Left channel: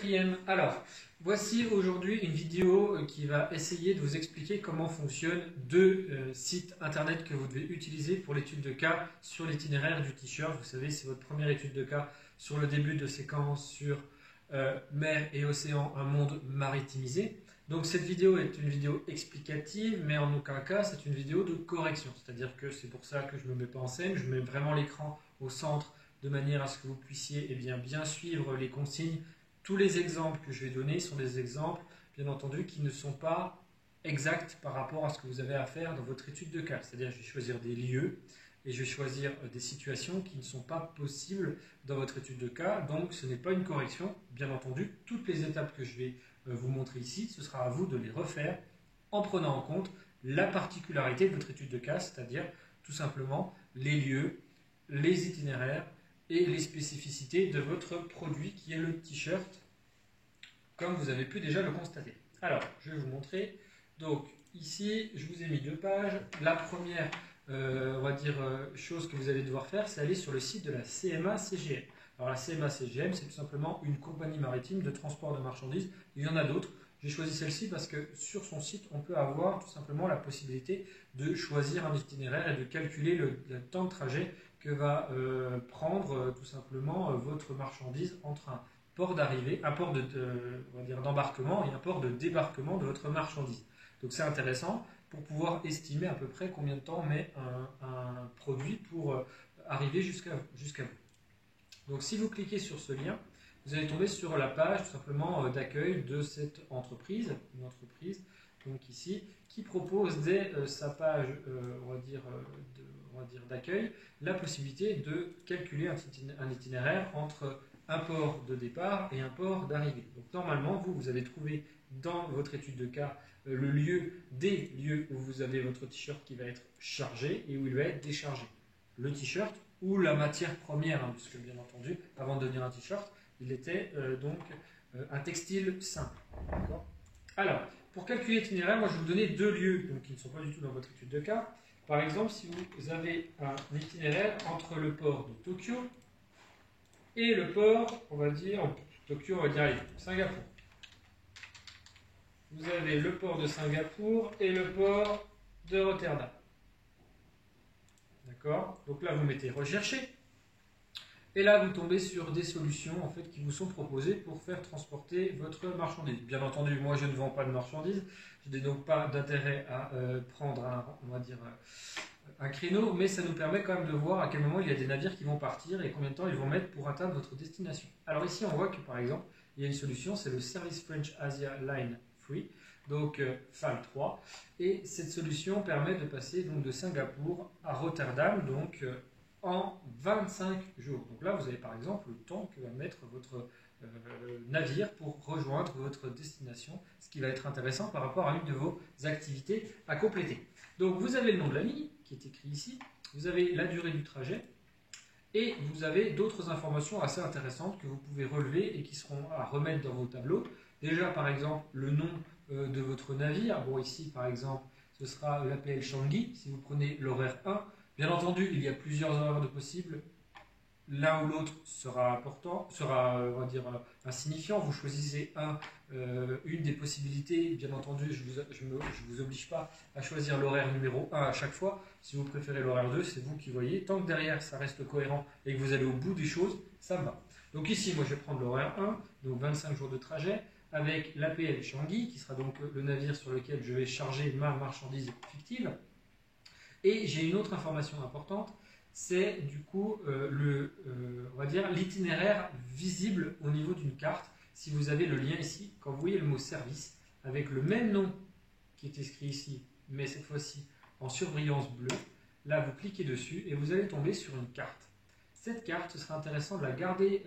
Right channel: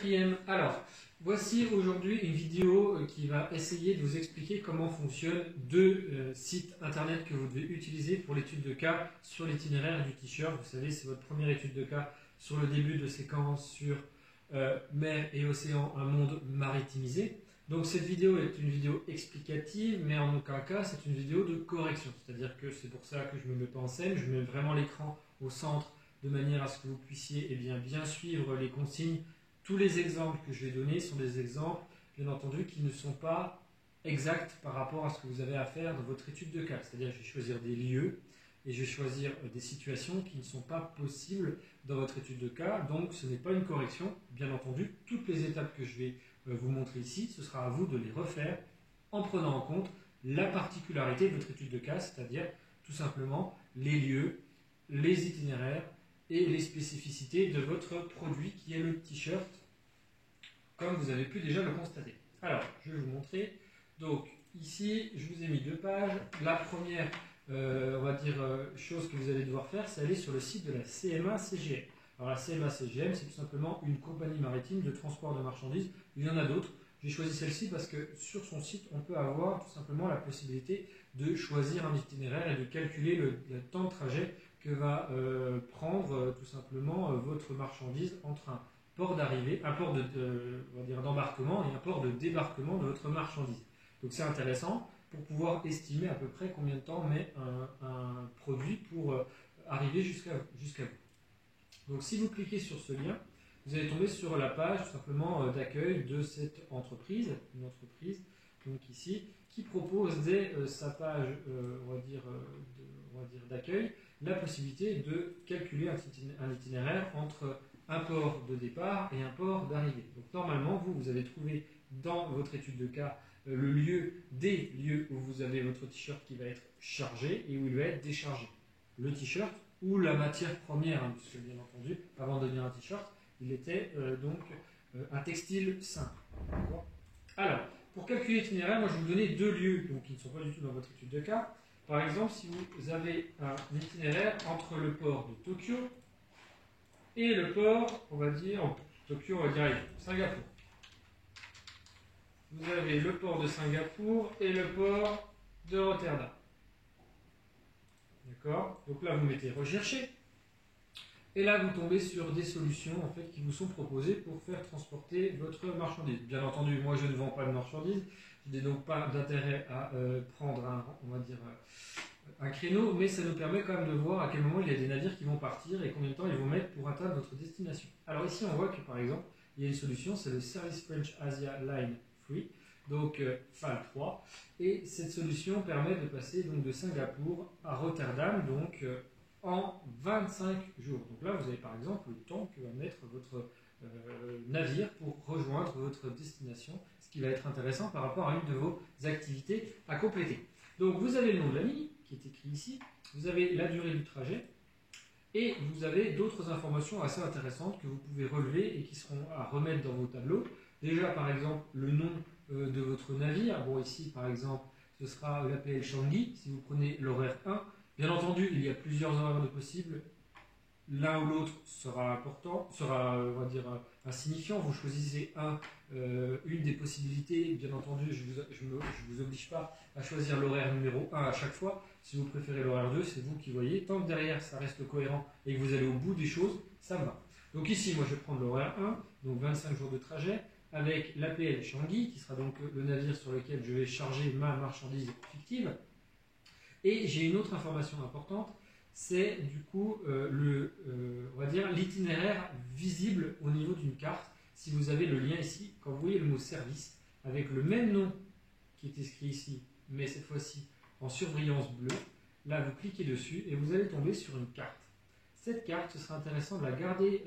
quatrième. Alors, voici aujourd'hui une vidéo qui va essayer de vous expliquer comment fonctionnent deux sites internet que vous devez utiliser pour l'étude de cas sur l'itinéraire du t-shirt. Vous savez, c'est votre première étude de cas sur le début de séquence sur mer et océan, un monde maritimisé. Donc cette vidéo est une vidéo explicative, mais en aucun cas c'est une vidéo de correction. C'est-à-dire que c'est pour ça que je ne me mets pas en scène, je mets vraiment l'écran au centre de manière à ce que vous puissiez bien suivre les consignes. Tous les exemples que je vais donner sont des exemples, bien entendu, qui ne sont pas exacts par rapport à ce que vous avez à faire dans votre étude de cas. C'est-à-dire que je vais choisir des lieux et je vais choisir des situations qui ne sont pas possibles dans votre étude de cas. Donc ce n'est pas une correction, bien entendu. Toutes les étapes que je vais vous montrer ici, ce sera à vous de les refaire en prenant en compte la particularité de votre étude de cas, c'est-à-dire tout simplement les lieux, les itinéraires et les spécificités de votre produit qui est le t-shirt, comme vous avez pu déjà le constater. Alors, je vais vous montrer. Donc, ici, je vous ai mis deux pages. La première, on va dire, chose que vous allez devoir faire, c'est aller sur le site de la CMA-CGM. Alors, la CMA-CGM, c'est tout simplement une compagnie maritime de transport de marchandises. Il y en a d'autres. J'ai choisi celle-ci parce que sur son site, on peut avoir tout simplement la possibilité de choisir un itinéraire et de calculer le temps de trajet que va prendre tout simplement votre marchandise entre un port d'arrivée, un port d'embarquement et un port de débarquement de votre marchandise. Donc c'est intéressant pour pouvoir estimer à peu près combien de temps met un produit pour arriver jusqu'à vous. Donc si vous cliquez sur ce lien, vous allez tomber sur la page tout simplement d'accueil de cette entreprise, une entreprise donc ici, qui propose dès sa page d'accueil la possibilité de calculer un itinéraire entre un port de départ et un port d'arrivée. Donc normalement, vous allez trouver dans votre étude de cas des lieux où vous avez votre t-shirt qui va être chargé et où il va être déchargé. Le t-shirt ou la matière première, hein, puisque bien entendu, avant de devenir un t-shirt, il était un textile simple. Alors, pour calculer l'itinéraire, moi je vais vous donner deux lieux donc, qui ne sont pas du tout dans votre étude de cas. Par exemple, si vous avez un itinéraire entre le port de Tokyo et le port, on va dire Singapour. Vous avez le port de Singapour et le port de Rotterdam. D'accord? Donc là, vous mettez rechercher. Et là, vous tombez sur des solutions en fait, qui vous sont proposées pour faire transporter votre marchandise. Bien entendu, moi, je ne vends pas de marchandise. Je n'ai donc pas d'intérêt à prendre un créneau, mais ça nous permet quand même de voir à quel moment il y a des navires qui vont partir et combien de temps ils vont mettre pour atteindre votre destination. Alors ici, on voit que par exemple, il y a une solution, c'est le Service French Asia Line Free, donc FAL 3. Et cette solution permet de passer donc, de Singapour à Rotterdam, donc en 25 jours. Donc là, vous avez par exemple le temps que va mettre votre navire pour rejoindre votre destination, ce qui va être intéressant par rapport à l'une de vos activités à compléter. Donc vous avez le nom de la ligne qui est écrit ici, vous avez la durée du trajet et vous avez d'autres informations assez intéressantes que vous pouvez relever et qui seront à remettre dans vos tableaux. Déjà par exemple le nom de votre navire, bon ici par exemple ce sera l'APL Changi, si vous prenez l'horaire 1, bien entendu il y a plusieurs horaires de possibles. L'un ou l'autre sera important, insignifiant. Vous choisissez une des possibilités. Bien entendu, je ne vous oblige pas à choisir l'horaire numéro 1 à chaque fois. Si vous préférez l'horaire 2, c'est vous qui voyez. Tant que derrière, ça reste cohérent et que vous allez au bout des choses, ça va. Donc ici, moi, je vais prendre l'horaire 1, donc 25 jours de trajet, avec l'APL Changi, qui sera donc le navire sur lequel je vais charger ma marchandise fictive. Et j'ai une autre information importante. C'est du coup l'itinéraire visible au niveau d'une carte. Si vous avez le lien ici, quand vous voyez le mot service, avec le même nom qui est écrit ici, mais cette fois-ci en surbrillance bleue, là vous cliquez dessus et vous allez tomber sur une carte. Cette carte, ce sera intéressant de la garder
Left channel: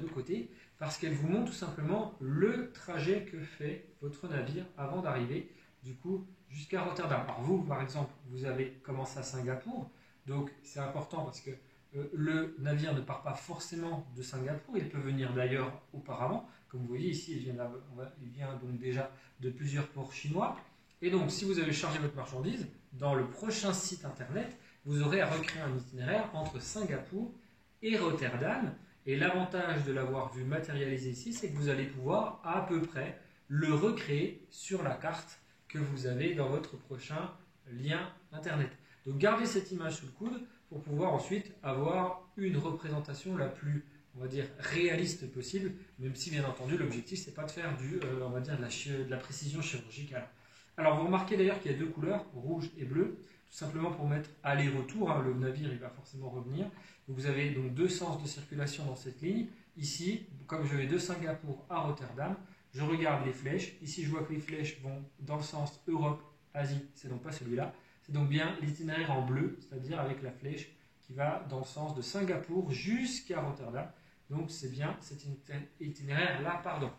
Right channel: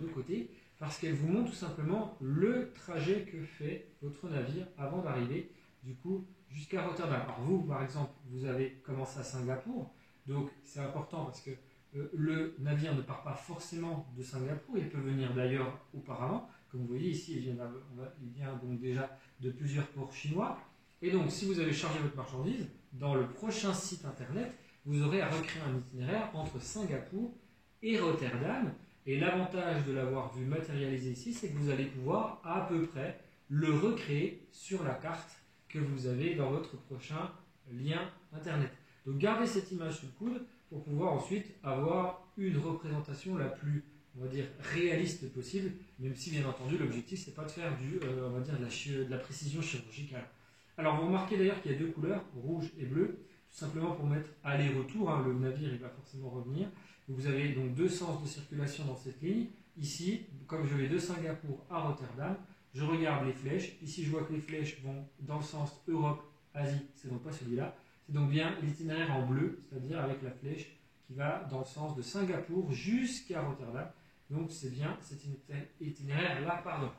de côté, parce qu'elle vous montre tout simplement le trajet que fait votre navire avant d'arriver du coup jusqu'à Rotterdam. Alors vous, par exemple, vous avez commencé à Singapour. Donc c'est important parce que le navire ne part pas forcément de Singapour, il peut venir d'ailleurs auparavant. Comme vous voyez ici, il vient donc déjà de plusieurs ports chinois. Et donc si vous avez chargé votre marchandise, dans le prochain site internet, vous aurez à recréer un itinéraire entre Singapour et Rotterdam. Et l'avantage de l'avoir vu matérialisé ici, c'est que vous allez pouvoir à peu près le recréer sur la carte que vous avez dans votre prochain lien internet. Donc gardez cette image sous le coude pour pouvoir ensuite avoir une représentation la plus, on va dire, réaliste possible, même si bien entendu l'objectif c'est pas de faire on va dire de la précision chirurgicale. Alors vous remarquez d'ailleurs qu'il y a deux couleurs, rouge et bleu, tout simplement pour mettre aller-retour, hein, le navire il va forcément revenir. Donc vous avez donc deux sens de circulation dans cette ligne. Ici, comme je vais de Singapour à Rotterdam, je regarde les flèches. Ici je vois que les flèches vont dans le sens Europe-Asie, c'est donc pas celui-là. C'est donc bien l'itinéraire en bleu, c'est-à-dire avec la flèche qui va dans le sens de Singapour jusqu'à Rotterdam. Donc c'est bien cet itinéraire-là, pardon.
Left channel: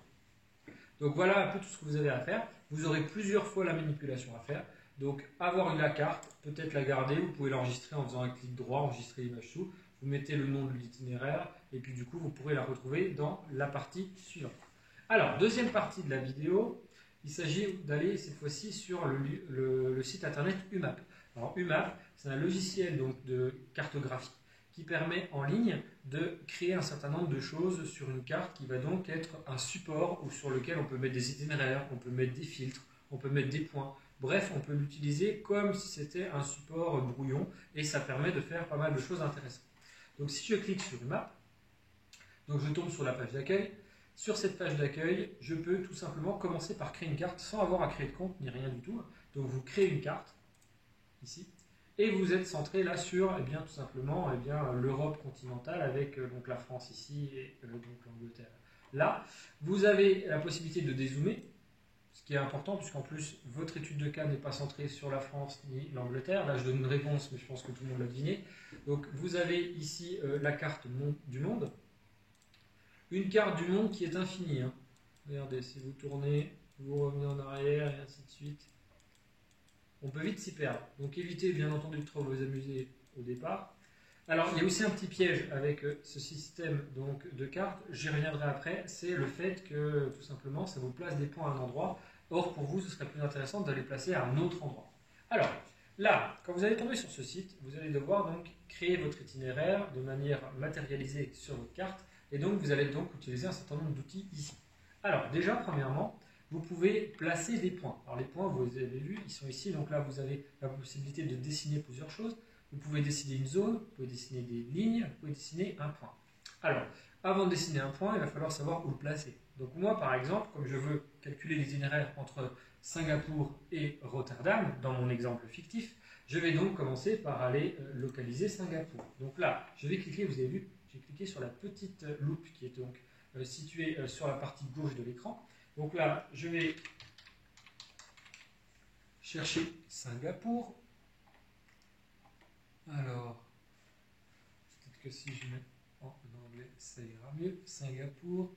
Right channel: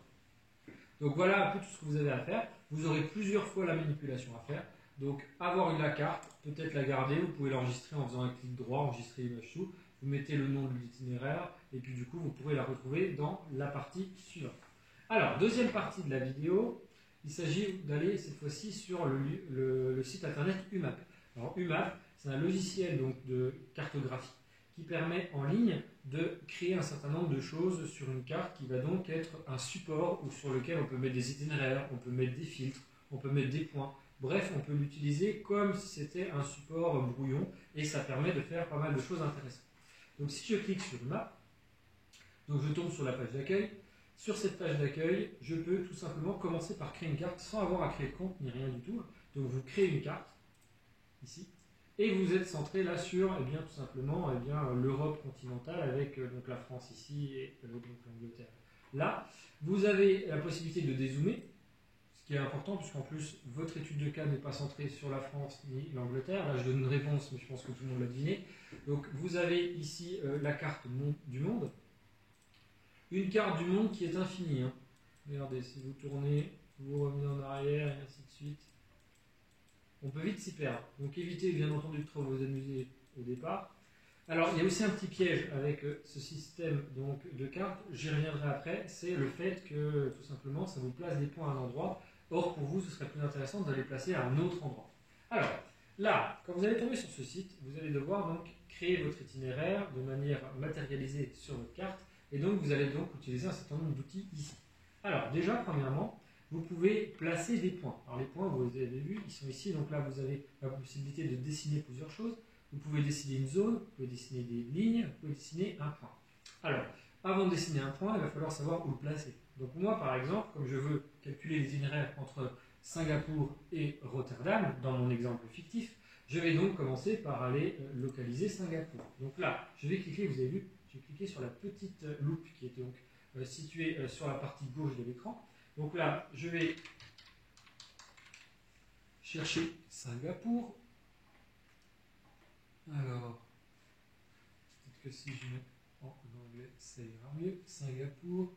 Donc voilà un peu tout ce que vous avez à faire. Vous aurez plusieurs fois la manipulation à faire. Donc avoir la carte, peut-être la garder, vous pouvez l'enregistrer en faisant un clic droit, enregistrer l'image sous, vous mettez le nom de l'itinéraire et puis du coup vous pourrez la retrouver dans la partie suivante. Alors, deuxième partie de la vidéo, il s'agit d'aller cette fois-ci sur le site internet UMAP. Alors UMAP, c'est un logiciel donc, de cartographie qui permet en ligne de créer un certain nombre de choses sur une carte qui va donc être un support ou sur lequel on peut mettre des itinéraires, on peut mettre des filtres, on peut mettre des points. Bref, on peut l'utiliser comme si c'était un support brouillon et ça permet de faire pas mal de choses intéressantes. Donc si je clique sur UMAP, donc je tombe sur la page d'accueil. Sur cette page d'accueil, je peux tout simplement commencer par créer une carte sans avoir à créer de compte ni rien du tout. Donc vous créez une carte, ici, et vous êtes centré là sur eh bien, tout simplement l'Europe continentale avec donc la France ici et donc l'Angleterre là. Vous avez la possibilité de dézoomer, ce qui est important puisqu'en plus votre étude de cas n'est pas centrée sur la France ni l'Angleterre. Là je donne une réponse mais je pense que tout le monde l'a deviné. Donc vous avez ici la carte du monde. Une carte du monde qui est infinie. Hein. Regardez, si vous tournez, vous revenez en arrière et ainsi de suite. On peut vite s'y perdre. Donc évitez bien entendu de trop vous amuser au départ. Alors il y a aussi un petit piège avec ce système donc, de cartes, j'y reviendrai après, c'est le fait que tout simplement ça vous place des points à un endroit. Or pour vous ce serait plus intéressant de les placer à un autre endroit. Alors là, quand vous allez tomber sur ce site, vous allez devoir donc créer votre itinéraire de manière matérialisée sur votre carte. Et donc, vous allez donc utiliser un certain nombre d'outils ici. Alors, déjà, premièrement, vous pouvez placer des points. Alors, les points, vous avez vu, ils sont ici. Donc là, vous avez la possibilité de dessiner plusieurs choses. Vous pouvez dessiner une zone, vous pouvez dessiner des lignes, vous pouvez dessiner un point. Alors, avant de dessiner un point, il va falloir savoir où le placer. Donc moi, par exemple, comme je veux calculer l'itinéraire entre Singapour et Rotterdam, dans mon exemple fictif, je vais donc commencer par aller localiser Singapour. Donc là, je vais cliquer, vous avez vu, j'ai cliqué sur la petite loupe qui est donc située sur la partie gauche de l'écran. Donc là, je vais chercher Singapour. Alors, peut-être que si je mets en anglais, ça ira mieux. Singapour.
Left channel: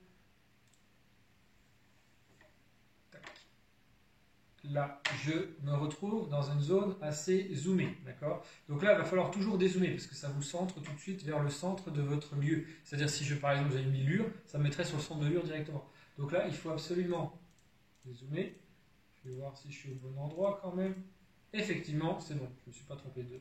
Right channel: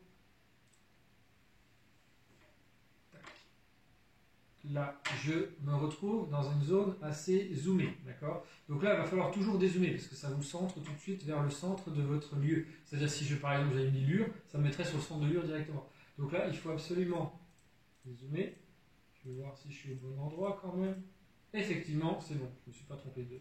Là, je me retrouve dans une zone assez zoomée, d'accord? Donc là, il va falloir toujours dézoomer parce que ça vous centre tout de suite vers le centre de votre lieu. C'est-à-dire si par exemple j'avais mis Lure, ça me mettrait sur le centre de Lure directement. Donc là, il faut absolument dézoomer. Je vais voir si je suis au bon endroit quand même. Effectivement, c'est bon, je ne me suis pas trompé de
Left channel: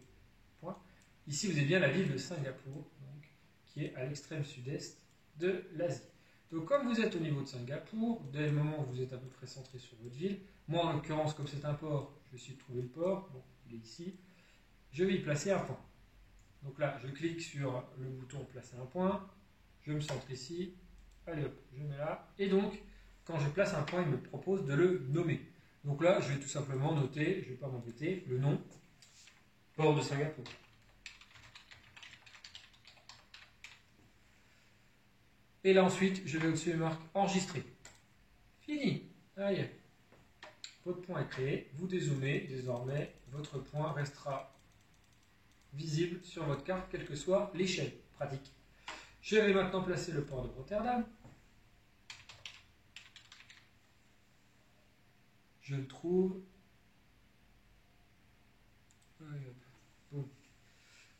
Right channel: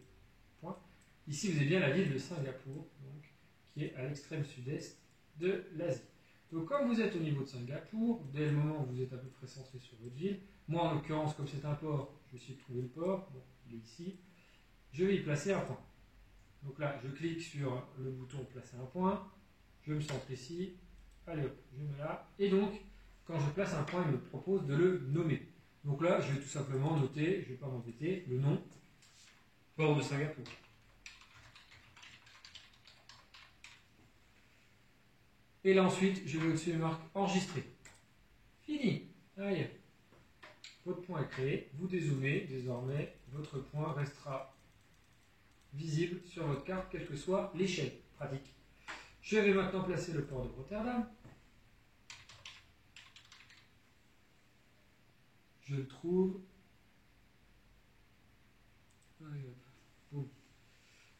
point. Ici, vous avez bien la ville de Singapour, donc, qui est à l'extrême sud-est de l'Asie. Donc comme vous êtes au niveau de Singapour, dès le moment où vous êtes à peu près centré sur votre ville, moi en l'occurrence comme c'est un port, je vais essayer de trouver le port, bon, il est ici, je vais y placer un point. Donc là je clique sur le bouton placer un point, je me centre ici, allez hop, je mets là, et donc quand je place un point il me propose de le nommer. Donc là je vais tout simplement noter, je ne vais pas m'embêter, le nom, port de Singapour. Et là ensuite, je vais au-dessus de marque enregistrer. Fini. Allez. Votre point est créé. Vous dézoomez. Désormais, votre point restera visible sur votre carte, quelle que soit l'échelle. Pratique. Je vais maintenant placer le port de Rotterdam. Je le trouve.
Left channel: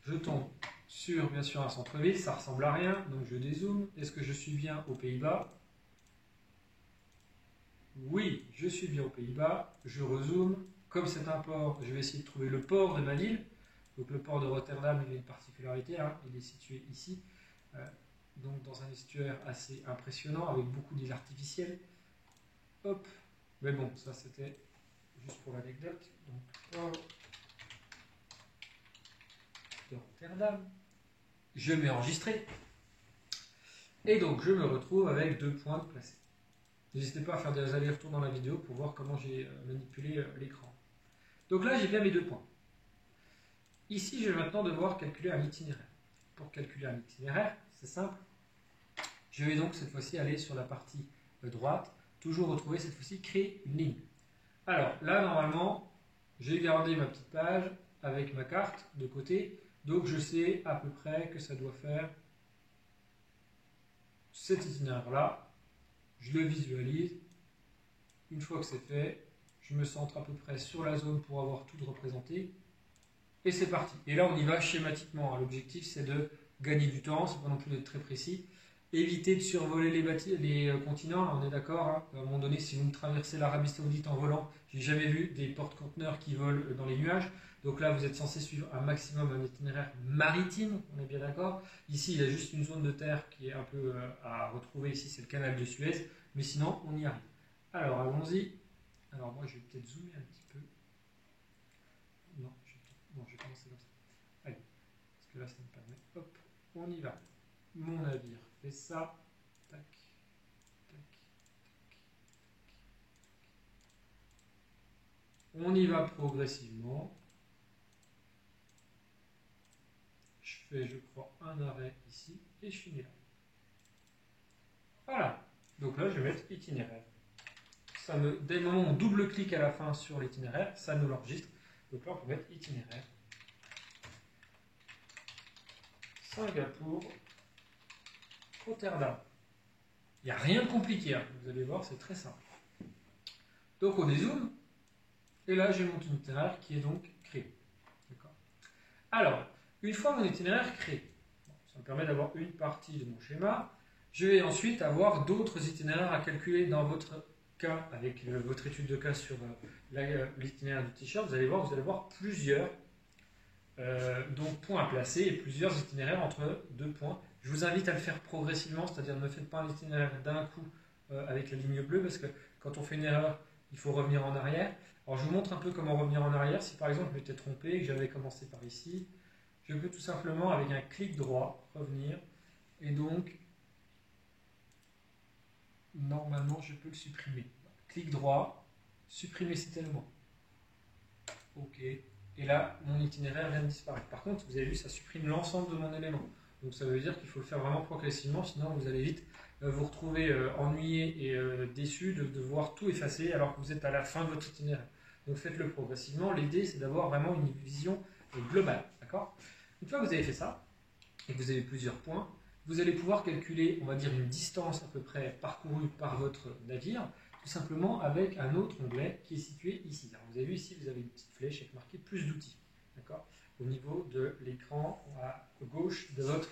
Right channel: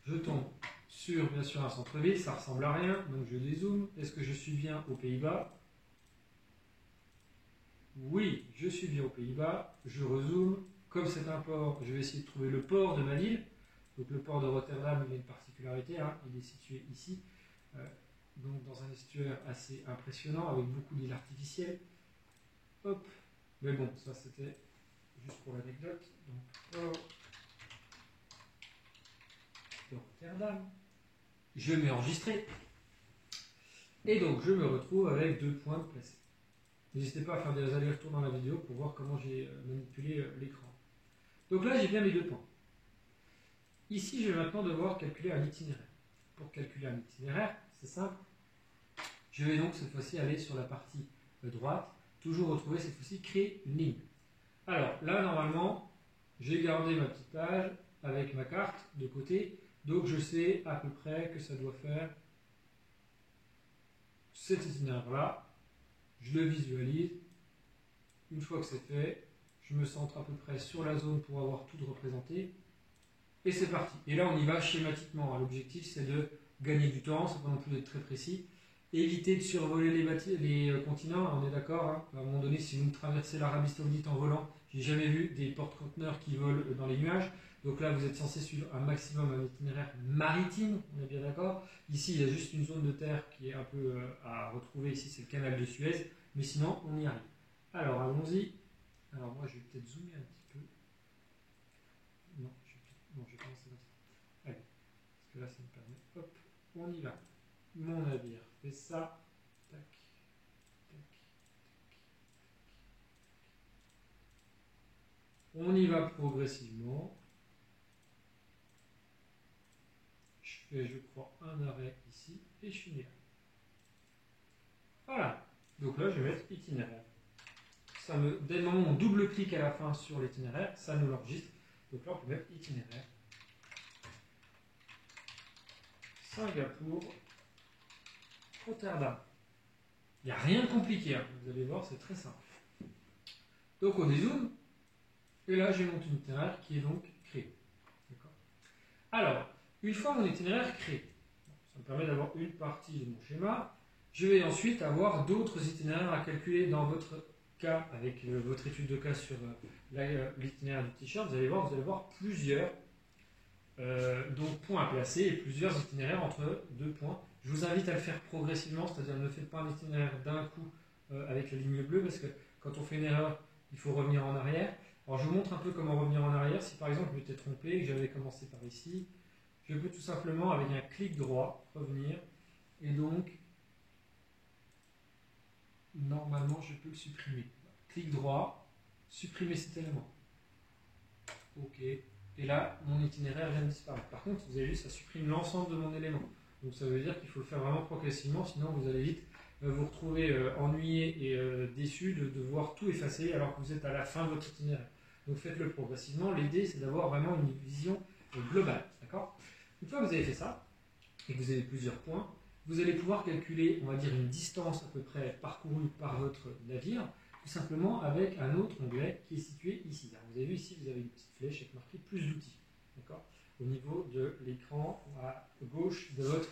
Je tombe sur, bien sûr, un centre-ville, ça ressemble à rien, donc je dézoome. Est-ce que je suis bien aux Pays-Bas? Oui, je suis bien aux Pays-Bas. Je rezoome. Comme c'est un port, je vais essayer de trouver le port de ma ville. Donc le port de Rotterdam, il a une particularité, hein, il est situé ici. donc dans un estuaire assez impressionnant avec beaucoup d'îles artificielles. Hop, mais bon, ça c'était juste pour l'anecdote. Donc, Rotterdam. Je mets enregistré. Et donc je me retrouve avec 2 points de placés. N'hésitez pas à faire des allers-retours dans la vidéo pour voir comment j'ai manipulé l'écran. Donc là, j'ai bien mes 2 points. Ici, je vais maintenant devoir calculer un itinéraire. Pour calculer un itinéraire, c'est simple. Je vais donc cette fois-ci aller sur la partie droite, toujours retrouver cette fois-ci créer une ligne. Alors là, normalement, j'ai gardé ma petite page avec ma carte de côté, donc je sais à peu près que ça doit faire cet itinéraire-là. Je le visualise. Une fois que c'est fait, je me centre à peu près sur la zone pour avoir tout représenté. Et c'est parti. Et là, on y va schématiquement. L'objectif, c'est de gagner du temps, c'est pas non plus d'être très précis. Éviter de survoler les continents, on est d'accord. Hein. À un moment donné, si vous me traversez l'Arabie Saoudite en volant, j'ai jamais vu des porte-conteneurs qui volent dans les nuages. Donc là, vous êtes censé suivre un maximum un itinéraire maritime, on est bien d'accord. Ici, il y a juste une zone de terre qui est un peu à retrouver. Ici, c'est le canal de Suez. Mais sinon, on y arrive. Alors, allons-y. Alors, moi, je vais peut-être zoomer un petit peu. Non, je vais commencer comme ça. Allez, parce que là, ça me permet. Hop, on y va. Mon navire fait ça. Tac, tac, tac. On y va progressivement. Je fais, je crois, un arrêt ici et je finis là. Voilà. Donc là, je vais mettre itinéraire. Dès le moment où on double-clique à la fin sur l'itinéraire, ça nous l'enregistre. Donc là, on peut mettre itinéraire. Singapour, Rotterdam. Il n'y a rien de compliqué, hein. Vous allez voir, c'est très simple. Donc on dézoome, et là j'ai mon itinéraire qui est donc créé. Alors, une fois mon itinéraire créé, ça me permet d'avoir une partie de mon schéma. Je vais ensuite avoir d'autres itinéraires à calculer dans votre cas, avec votre étude de cas sur l'itinéraire du t-shirt. Vous allez voir plusieurs donc points à placer et plusieurs itinéraires entre 2 points. Je vous invite à le faire progressivement, c'est-à-dire ne faites pas un itinéraire d'un coup avec la ligne bleue, parce que quand on fait une erreur, il faut revenir en arrière. Alors je vous montre un peu comment revenir en arrière. Si par exemple je m'étais trompé et que j'avais commencé par ici, je peux tout simplement avec un clic droit revenir, et donc normalement je peux le supprimer. Clic droit, supprimer cet élément. OK. Et là, mon itinéraire vient de disparaître. Par contre, vous avez vu, ça supprime l'ensemble de mon élément. Donc ça veut dire qu'il faut le faire vraiment progressivement, sinon vous allez vite vous retrouver ennuyé et déçu de voir tout effacer alors que vous êtes à la fin de votre itinéraire. Donc faites-le progressivement. L'idée, c'est d'avoir vraiment une vision globale. D'accord ? Une fois que vous avez fait ça, et que vous avez plusieurs points, vous allez pouvoir calculer, on va dire, une distance à peu près parcourue par votre navire, tout simplement avec un autre onglet qui est situé ici. Alors, vous avez vu ici, vous avez une petite flèche avec marqué plus d'outils, d'accord, au niveau de l'écran à gauche de votre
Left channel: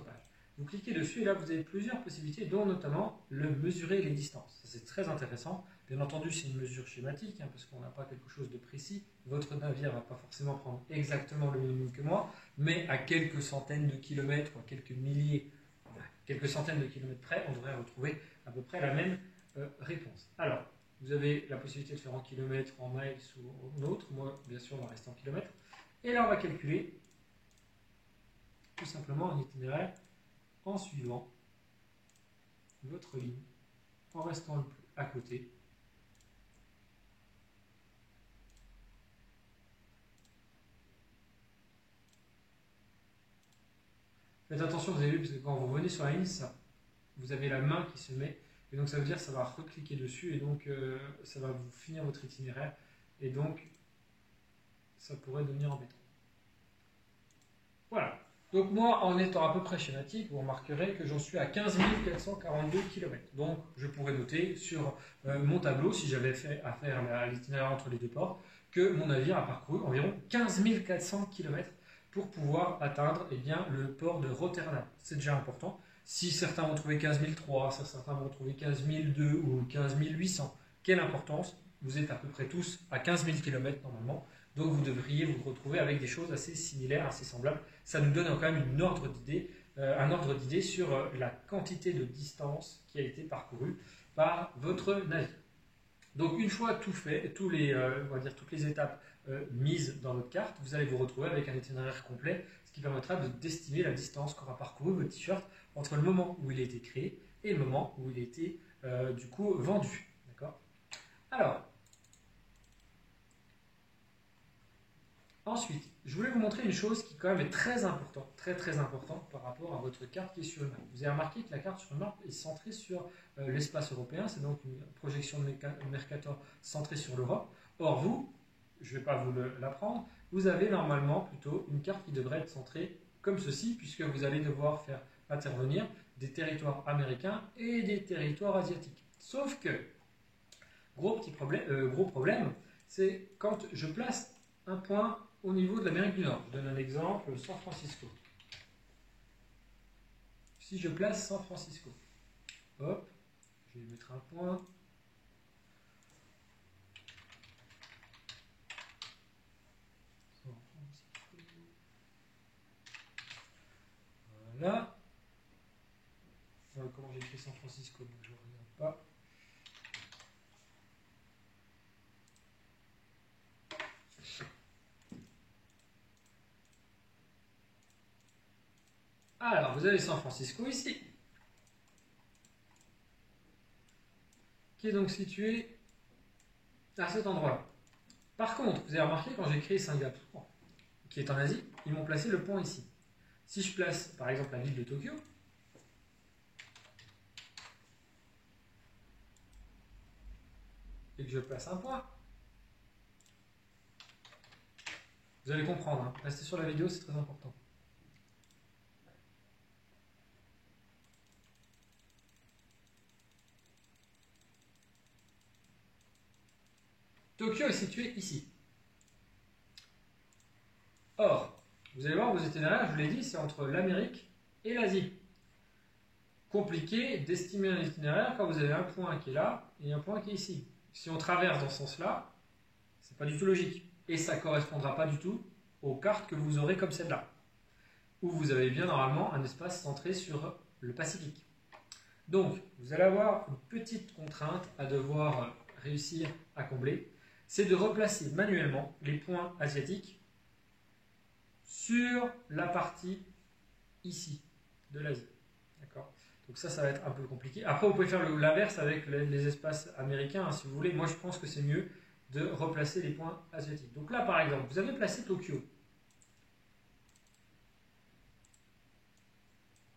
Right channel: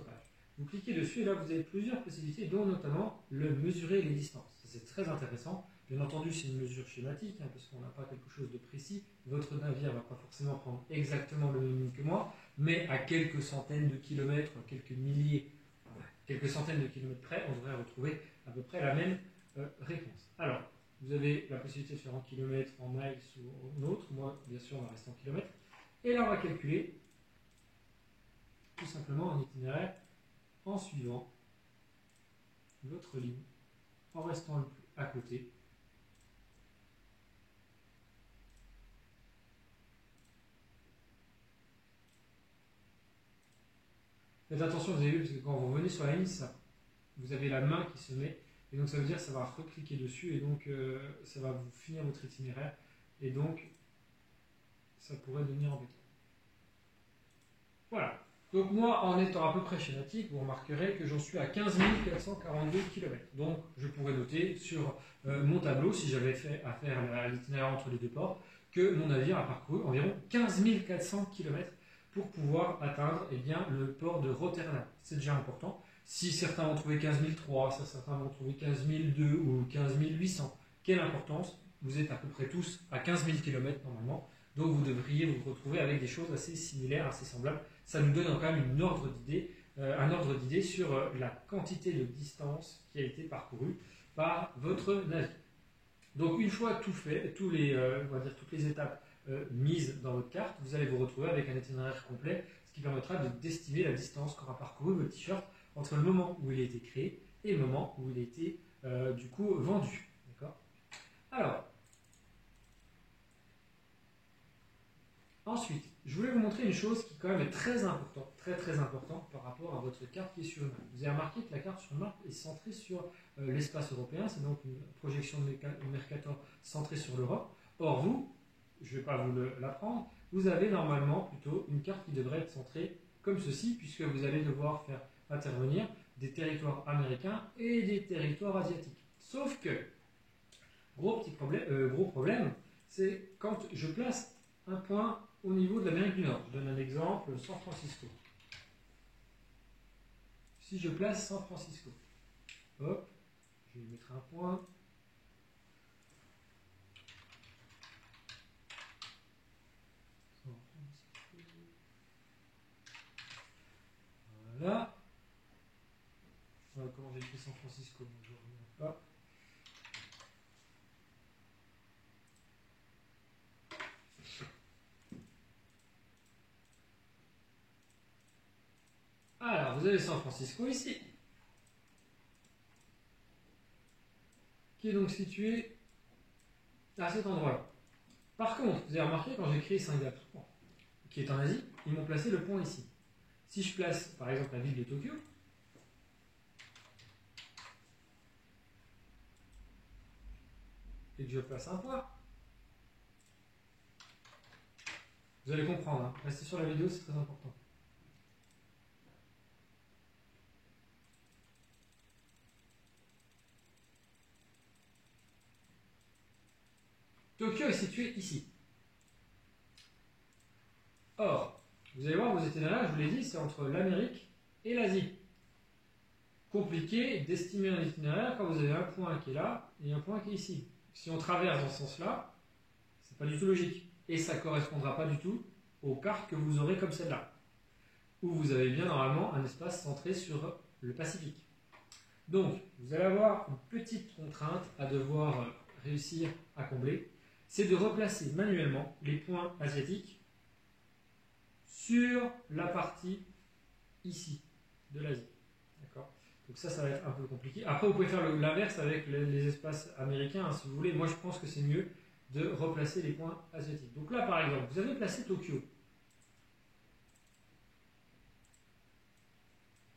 page. Vous cliquez dessus et là vous avez plusieurs possibilités, dont notamment le mesurer les distances. C'est très intéressant. Bien entendu, c'est une mesure schématique, hein, parce qu'on n'a pas quelque chose de précis. Votre navire ne va pas forcément prendre exactement le même que moi, mais à quelques centaines de kilomètres, à quelques milliers, quelques centaines de kilomètres près, on devrait retrouver à peu près la même réponse. Alors, vous avez la possibilité de faire en kilomètres, en miles ou en autre. Moi, bien sûr, on va rester en kilomètres. Et là, on va calculer tout simplement un itinéraire en suivant votre ligne, en restant à côté. Faites attention, vous avez vu, parce que quand vous revenez sur la ligne, vous avez la main qui se met, et donc ça veut dire que ça va recliquer dessus, et donc ça va vous finir votre itinéraire, et donc ça pourrait devenir embêtant. Voilà. Donc moi, en étant à peu près schématique, vous remarquerez que j'en suis à 15 442 km. Donc je pourrais noter sur mon tableau, si j'avais fait à faire l'itinéraire entre les deux ports, que mon navire a parcouru environ 15 400 km pour pouvoir atteindre le port de Rotterdam. C'est déjà important. Si certains vont trouver 15 003, certains vont trouver 15 002 ou 15 800, quelle importance? Vous êtes à peu près tous à 15 000 km normalement. Donc vous devriez vous retrouver avec des choses assez similaires, assez semblables. Ça nous donne quand même une ordre d'idée un ordre d'idée sur la quantité de distance qui a été parcourue par votre navire. Donc une fois tout fait, on va dire toutes les étapes mises dans votre carte, vous allez vous retrouver avec un itinéraire complet, ce qui permettra d'estimer la distance qu'aura parcouru votre t-shirt entre le moment où il a été créé et le moment où il a été du coup vendu. D'accord ? Alors, ensuite, je voulais vous montrer une chose qui quand même est très importante, très importante par rapport à votre carte qui est sur une map. Vous avez remarqué que la carte sur une map est centrée sur l'espace européen, c'est donc une projection de Mercator centrée sur l'Europe. Or vous, je ne vais pas vous l'apprendre, vous avez normalement plutôt une carte qui devrait être centrée comme ceci, puisque vous allez devoir faire intervenir des territoires américains et des territoires asiatiques. Sauf que, gros problème, c'est quand je place un point au niveau de l'Amérique du Nord. Je donne un exemple, San Francisco. Si je place San Francisco, hop, je vais mettre un point. San Francisco. Voilà. Voilà comment j'ai fait San Francisco, je ne reviens pas. Alors, vous avez San Francisco ici, qui est donc situé à cet endroit. Par contre, vous avez remarqué quand j'ai créé Singapour, qui est en Asie, ils m'ont placé le point ici. Si je place par exemple la ville de Tokyo, et que je place un point, vous allez comprendre, hein. Restez sur la vidéo, c'est très important. Tokyo est situé ici. Or, vous allez voir, vos itinéraires, je vous l'ai dit, c'est entre l'Amérique et l'Asie. Compliqué d'estimer un itinéraire quand vous avez un point qui est là et un point qui est ici. Si on traverse dans ce sens-là, c'est pas du tout logique. Et ça ne correspondra pas du tout aux cartes que vous aurez comme celle-là, où vous avez bien normalement un espace centré sur le Pacifique. Donc, vous allez avoir une petite contrainte à devoir réussir à combler, c'est de replacer manuellement les points asiatiques sur la partie ici de l'Asie. D'accord ? Donc ça va être un peu compliqué. Après, vous pouvez faire l'inverse avec les espaces américains, hein, si vous voulez. Moi, je pense que c'est mieux de replacer les points asiatiques. Donc là, par exemple, vous avez placé Tokyo.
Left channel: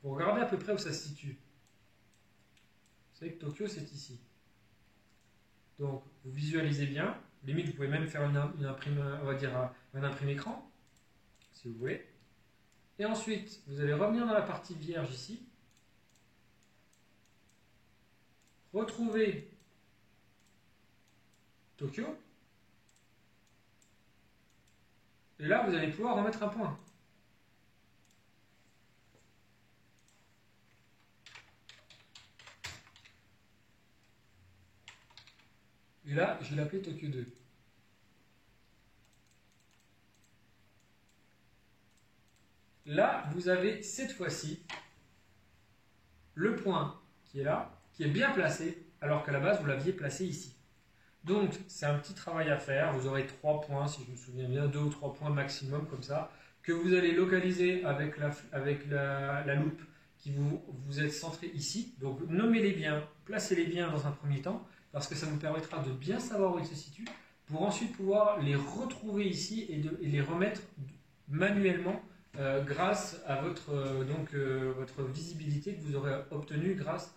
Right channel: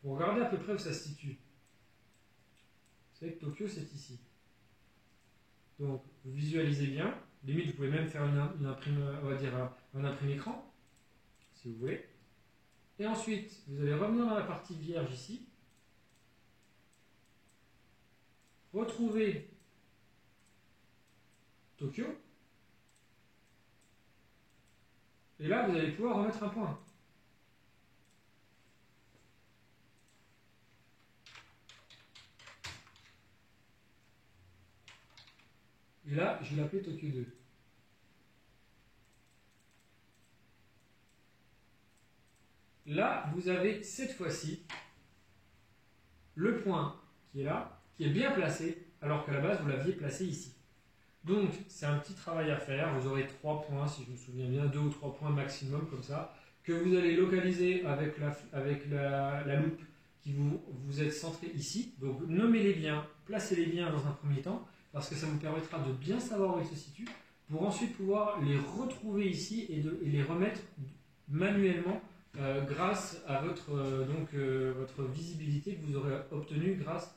Vous regardez à peu près où ça se situe. Vous savez que Tokyo, c'est ici. Donc, vous visualisez bien. Limite, vous pouvez même faire une imprime, on va dire un imprimé écran, si vous voulez. Et ensuite, vous allez revenir dans la partie vierge ici. Retrouver Tokyo. Et là, vous allez pouvoir remettre un point. Et là, je vais l'appeler Tokyo 2. Là, vous avez cette fois-ci le point qui est là, qui est bien placé, alors qu'à la base, vous l'aviez placé ici. Donc, c'est un petit travail à faire. Vous aurez 3 points, si je me souviens bien, 2 ou 3 points maximum, comme ça, que vous allez localiser avec la loupe qui vous êtes centré ici. Donc, nommez-les bien, placez-les bien dans un premier temps, parce que ça vous permettra de bien savoir où ils se situent, pour ensuite pouvoir les retrouver ici et les remettre manuellement grâce à votre visibilité que vous aurez obtenue grâce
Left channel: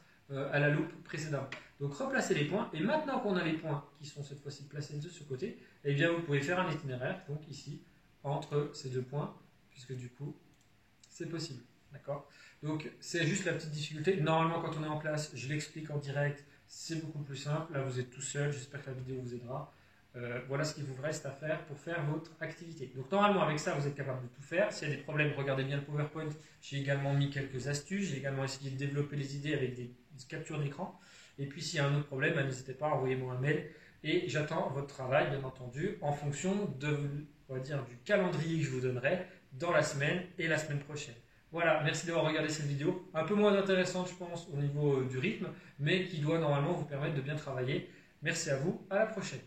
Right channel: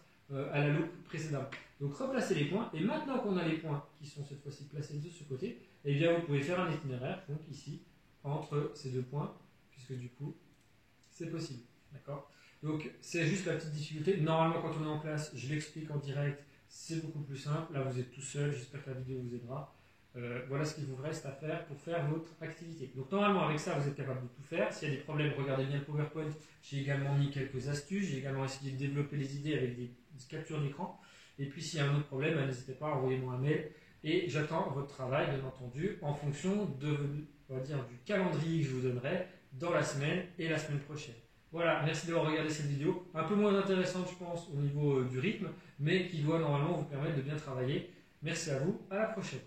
à la loupe précédente. Donc replacez les points, et maintenant qu'on a les points qui sont cette fois-ci placés de ce côté, eh bien vous pouvez faire un itinéraire, donc ici, entre ces deux points, puisque du coup, c'est possible. D'accord ? Donc c'est juste la petite difficulté. Normalement, quand on est en classe, je l'explique en direct, c'est beaucoup plus simple. Là, vous êtes tout seul, j'espère que la vidéo vous aidera. Voilà ce qu'il vous reste à faire pour faire votre activité. Donc normalement avec ça vous êtes capable de tout faire. S'il y a des problèmes, regardez bien le PowerPoint. J'ai également mis quelques astuces. J'ai également essayé de développer les idées avec des captures d'écran. Et puis s'il y a un autre problème, n'hésitez pas à envoyer moi un mail. Et j'attends votre travail bien entendu en fonction de, on va dire, du calendrier que je vous donnerai dans la semaine et la semaine prochaine. Voilà, merci d'avoir regardé cette vidéo. Un peu moins intéressante, je pense, au niveau du rythme, mais qui doit normalement vous permettre de bien travailler. Merci à vous, à la prochaine.